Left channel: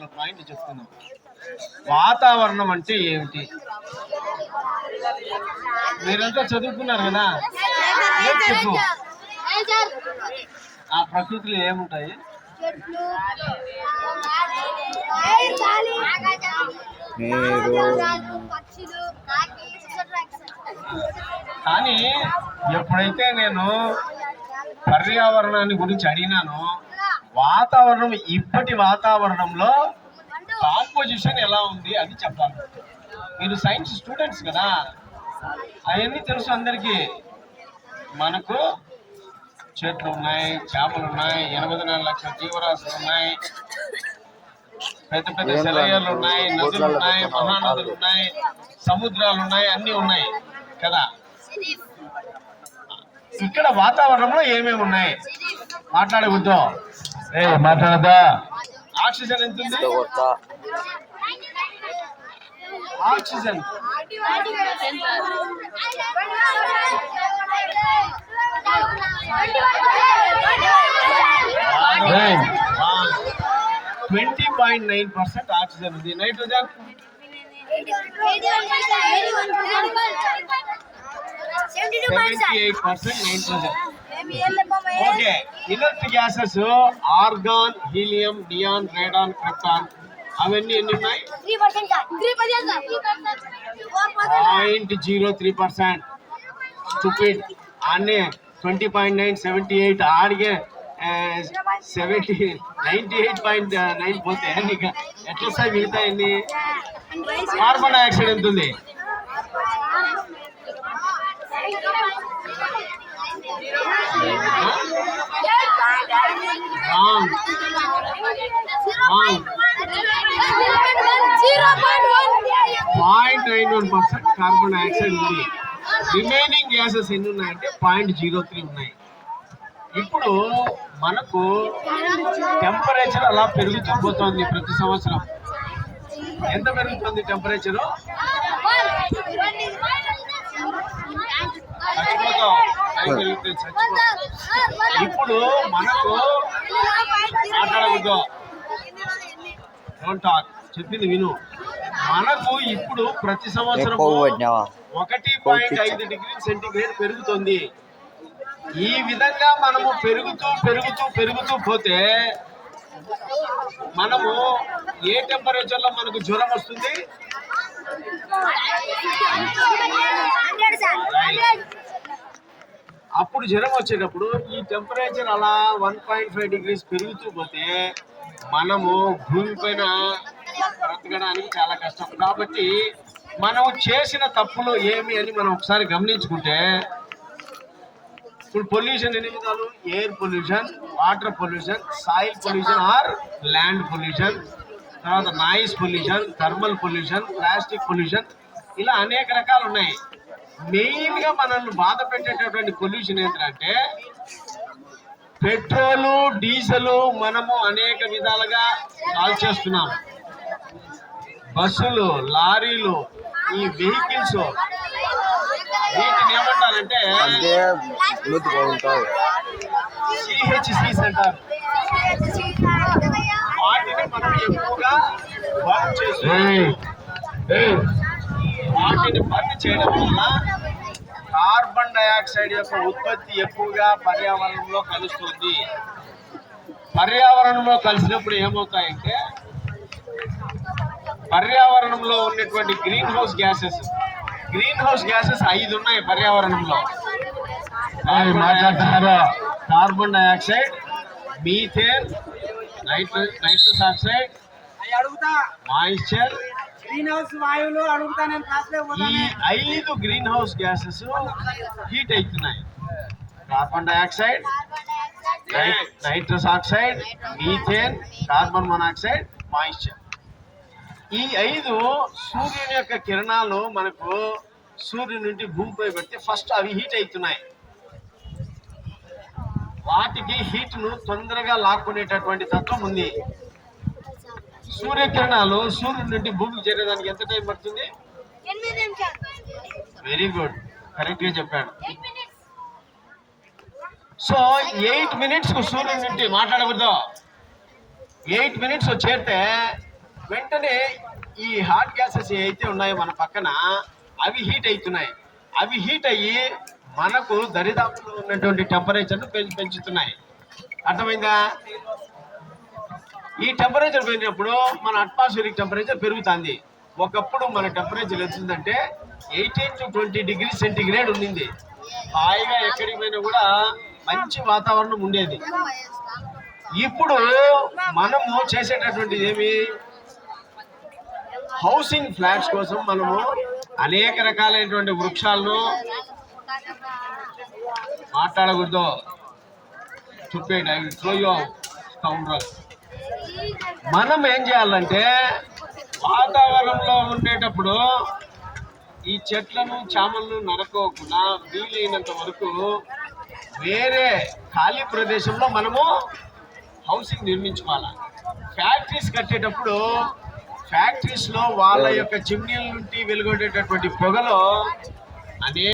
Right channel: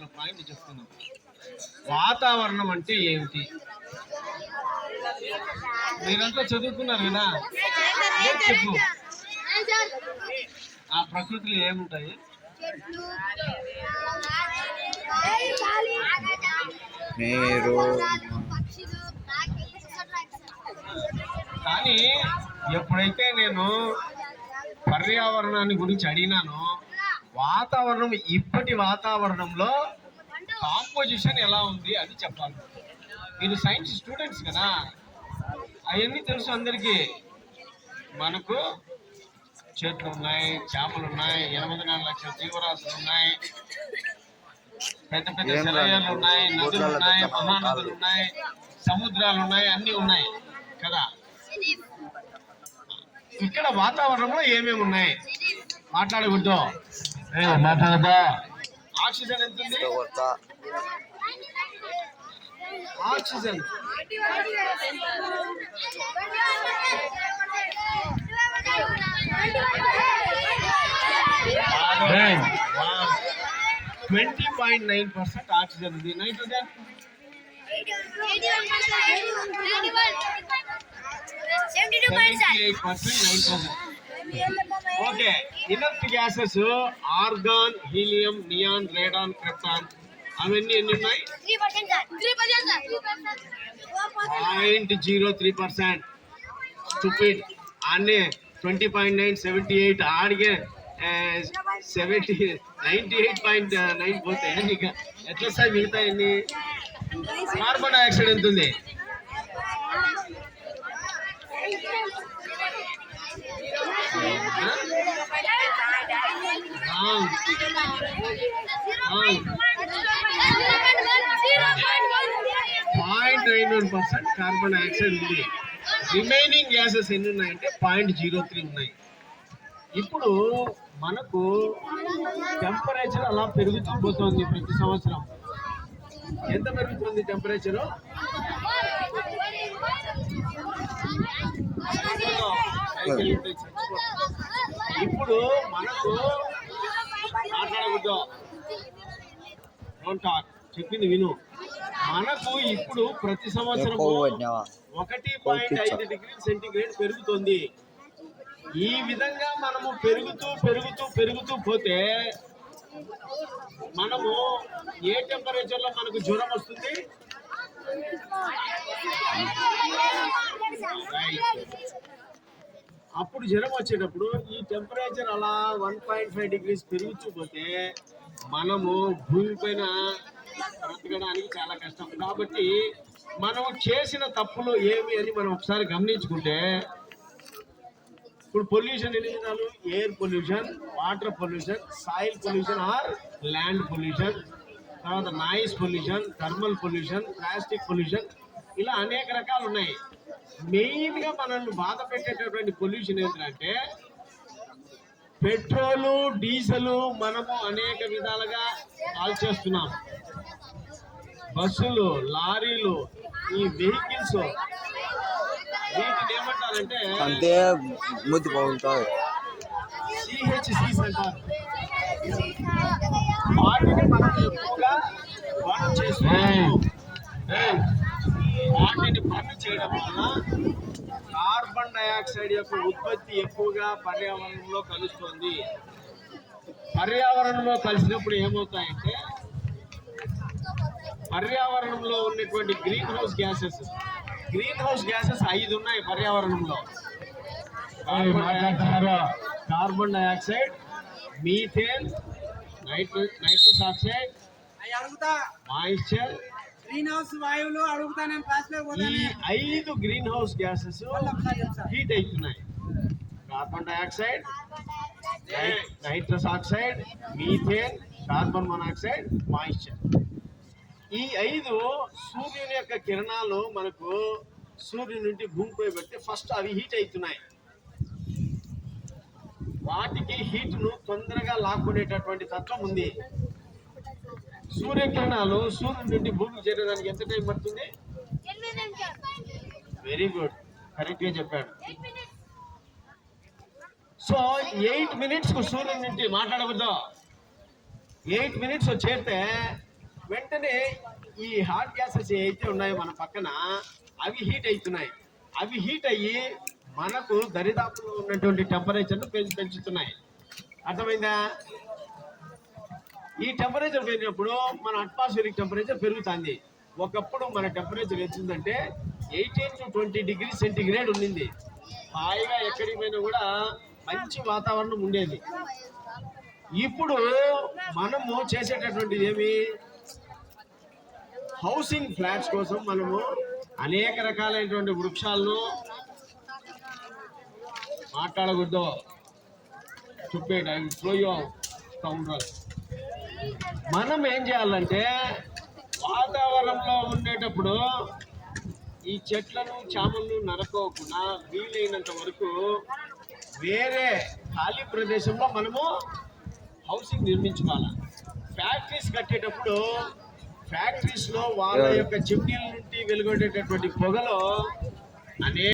నాలుగు పాయింట్లు చెప్తున్నాను వాతావరణం అంటే ఏమిటి? మీరంతా చదువుకున్నారు కదా? ఏం చెప్పు? ఆ ప్రకృతిలో ఏముంటాయి? కాకి కానీ ఎప్పుడైతే నేను పర్యావరణాన్ని గురించి అడిగినానో వాతావరణం ఇప్పటి వాతావరణంలో కాంపోజిషన్ ఎలా ఉంది అది చెప్పాలి. మీరు సైన్స్ స్టూడెంట్స్ కదా? అవన్నీ తెలుసు అందరికీ. మనకు చెట్లు ఉన్నాయి చేపలు ఉన్నాయి ఎనభై నాలుగు లక్షల జీవరాశులు ఉన్నాయి. పెద్ద పెద్ద సెలయర్లు ఉన్నాయి నదులు ఉన్నాయి మహానదులు ఉన్నాయి సముద్రాలు ఉన్నాయి అన్నీ ఉన్నాయి కదా? ఇక్కడ వాతావరణంలో ఏమేమి ఉన్నాయి? మాట్లాడకూడదు. మాట్లాడదా ఆక్సిజన్ ఎంత ఉంది? కొత్త oxygen twenty point nine percent oxygen ఉంది. Nitrogen seventy eight percent nitrogen okay. Inert gases argon helium neon radon krypton. అవన్నీ ఎన్ని ఉన్నాయి point zero three percent. Stupid. అన్నీ twenty point nine seventy eight. ఆడిగే seventy ninety eight point nine పోతే నీకు ఎట్లా వస్తాయి మిగతా ఎన్ని? కార్బన్ డైఆక్సైడ్ ఎంత ఉంది? కార్బన్ డైఆక్సైడ్ ఉంది. రిమైనింగ్ గ్యాసెస్ ఎన్ని ఉన్నాయంటే పాయింట్ జీరో త్రీ ఉన్నాయి. ఇప్పుడు మనకు టెంపరేచర్ అలా పెరుగుతూ పోతుంది ప్రతి సంవత్సరం. ఎంత పెరుగుతుంది టెంపరేచరు ఇప్పుడు మనకు మాట్లాడకూడదు. డోంట్ టాక్ చెప్పింది విను. మనకు ఇప్పుడు ప్రతి సంవత్సరం ఒకటి పాయింట్ ఐదు డిగ్రీ సెంటీగ్రేడ్ పెరుగుతుంది. ఈ విధంగా మనము పెరుగుతూ పెరుగుతూ పెరుగుతూ పోతే మనము ఏ టెంపరేచర్లో మనకు జ్వరం వస్తుంది? అప్పుడు జ్వరం వచ్చేటప్పుడు ఈ టెంపరేచర్ అలా వన్ పాయింట్ ఫైవ్ డిగ్రీస్ పెరుగుతూ పోతే మనము భూమి పైన బ్రతకడానికి చాలా కష్టం. కాబట్టి మనం చేసిన తప్పులు ఏమి అని మనం ఒకసారి గమనించుకుంటే ఇప్పుడు పొల్యూషన్ ఎన్ని విధాలు? Air pollution water pollution soil pollution or land pollution తర్వాత noise pollution thermal pollution plastic pollution ఇలా అనేక రకాలు ఉన్నాయి. మెయిన్గా మనల్ని బాధ పెట్టేటటువంటి పొల్యూషన్ ఏంటంటే పెట్రోలు డీజిల్ మనము అనేక విధాలుగా కాల్చేస్తున్నాం. బస్సులు లారీలు ఈ వెహికల్స్ వీటిని ఏమంటారంటే సిహెచ్సిస్ అంటారు వాటిని మనం ఎక్కువగా బర్న్ చేస్తున్నాము వాటిని బర్న్ చేయడం వల్ల కార్బన్ డయాక్సైడ్ యొక్క ఉత్పత్తి ఎక్కువగా పర్యావరణంలో కలుస్తుంది. పర్యావరణంలో కలిసినప్పుడు ఏమవుతాయంటే పర్యావరణంలో ఉన్నటువంటి greenhouse gases. Greenhouse gases ఐదు ఉన్నాయి పర్యావరణంలో. మాట్లాడుతున్నారు? కార్బన్ డయాక్సైడ్ మీథేన్ నైట్ర nitrous oxide moisture. Greenhouse వాయువులు అడుగుతా నేను క్లాస్లో ఈ ఐదు గ్రీన్ హౌస్ గ్యాసెస్ హీట్ అవుతున్నాయి. Carbon dioxide. Nitrous oxide methane carbon monoxide moisture. ఈ ఐదు సూర్యుని యొక్క కిరణాలు మనకు సూర్యుని నుండి భూమిపై పెడితే ఫస్ట్ అవి హీట్ అవుతున్నాయి. వాటికి హీట్ను తొందరగా లాక్కునేటటువంటి తత్వం ఉంది. సూర్యకిరణాలు సూర్యుడి నుండి భూమికి చేరేదానికి ఎంత టైం పడుతుంది? వెరీ గుడ్ కరెక్ట్గా చెప్పాడు. సో ఎయిట్ మినిట్స్ సూర్యుడి నుండి మాట్లాడకూడదు. ఎయిట్ మినిట్స్ చేరితే వెంటనే ఈ హాట్ గ్యాసెస్ ఏవైతే ఉన్నాయో మన పక్కన అవి హీట్ అవుతున్నాయి అవి హీట్ అయ్యి మనకు దరిదాపులో ఉన్నటువంటి టెంపరేచర్ను పెంచు పెంచుతున్నాయి. అర్థమైందా? ఈ టెంపరేచర్ పెరిగినప్పుడు మన అట్మాస్ఫియరిక్ టెంపరేచర్ పెరుగుతుంది. ఒకప్పుడు మన టెంపరేచర్ వచ్చిందంటే eighteen to twenty degree centigrade ఉండింది. హాయిగా ఎక్కడికి పోయినా కూడా మంచి వాతావరణం ఉండేది. ఇప్పుడు మనము చేసేటటువంటిది ఏమి? హౌసింగ్ ఫ్లాట్స్ కోసం మనము అనేక రకాలైనటువంటి వృక్షాలను మాట్లాడకూడదు. చూపేయండి ఐ త్రో యూ మనం ఏం చేయాలంటే వాతావరణంలో ఉండేటప్పుడు ఈ చెట్లను చామలను నరకోకుండా వీలైనంత వరకు వేరే ఖాళీ ప్రదేశంలో మనము హౌసింగ్ నిర్మించుకోవాలి. ఫ్యాక్టరీస్ కట్టేటప్పుడు ఫ్యాక్టరీస్లో వాళ్ళ యొక్క చిమ్నీల నుండి వెలువడేటటువంటి పొగలో అనేక